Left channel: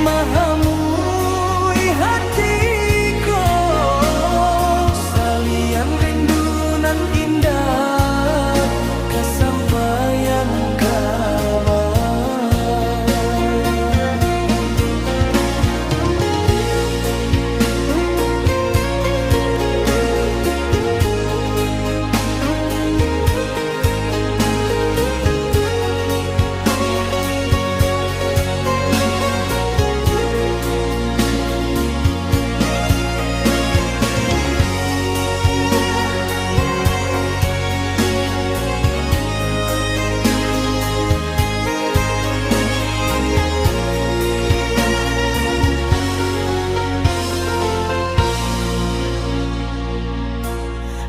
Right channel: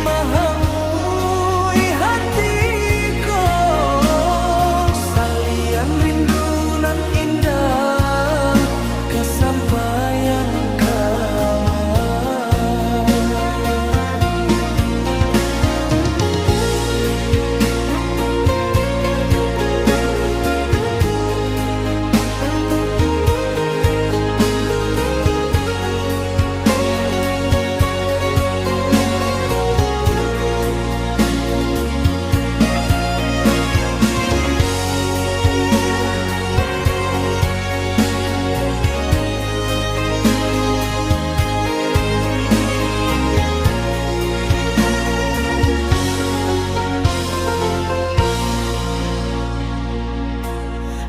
mahamui hatiku, salian rindu nan indah kesampaian kamar.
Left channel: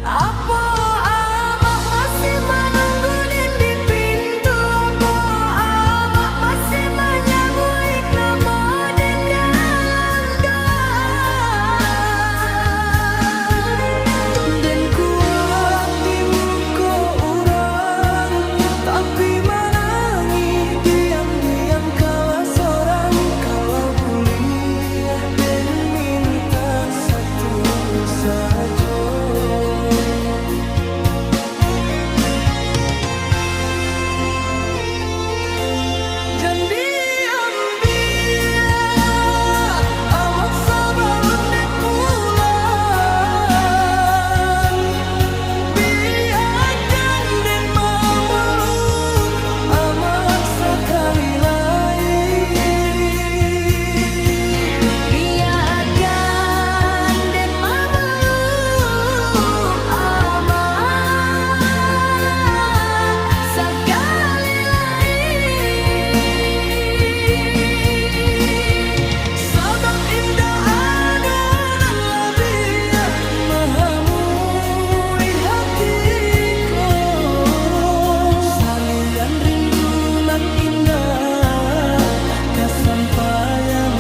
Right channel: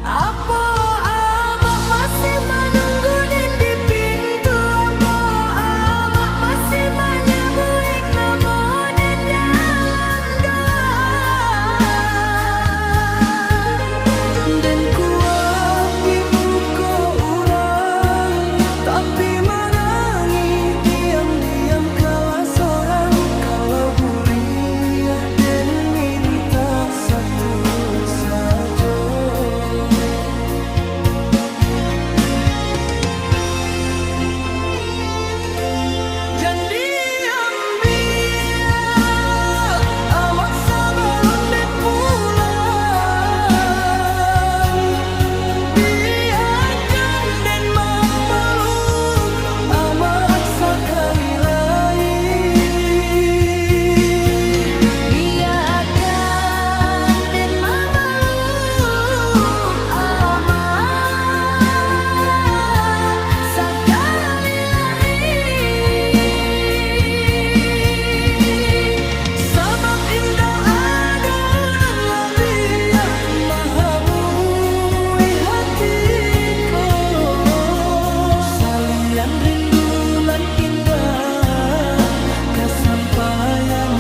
Apa abak masih menunggu di pintu? Apa abak masih menyebut nama dan dalam doa? Dan kuat di muka orang, tapi menangi diam-diam kala seorang. Kalau boleh dan minta satu saja, jangan diam biar amat sabalun dan pulang. Biarkan dan memeluk amat sekali lain. Biarkan dan memeluk amat sekali lain. Sabab indah adonan lebih mahamui hatiku, salian rindu nan indah kesampaian.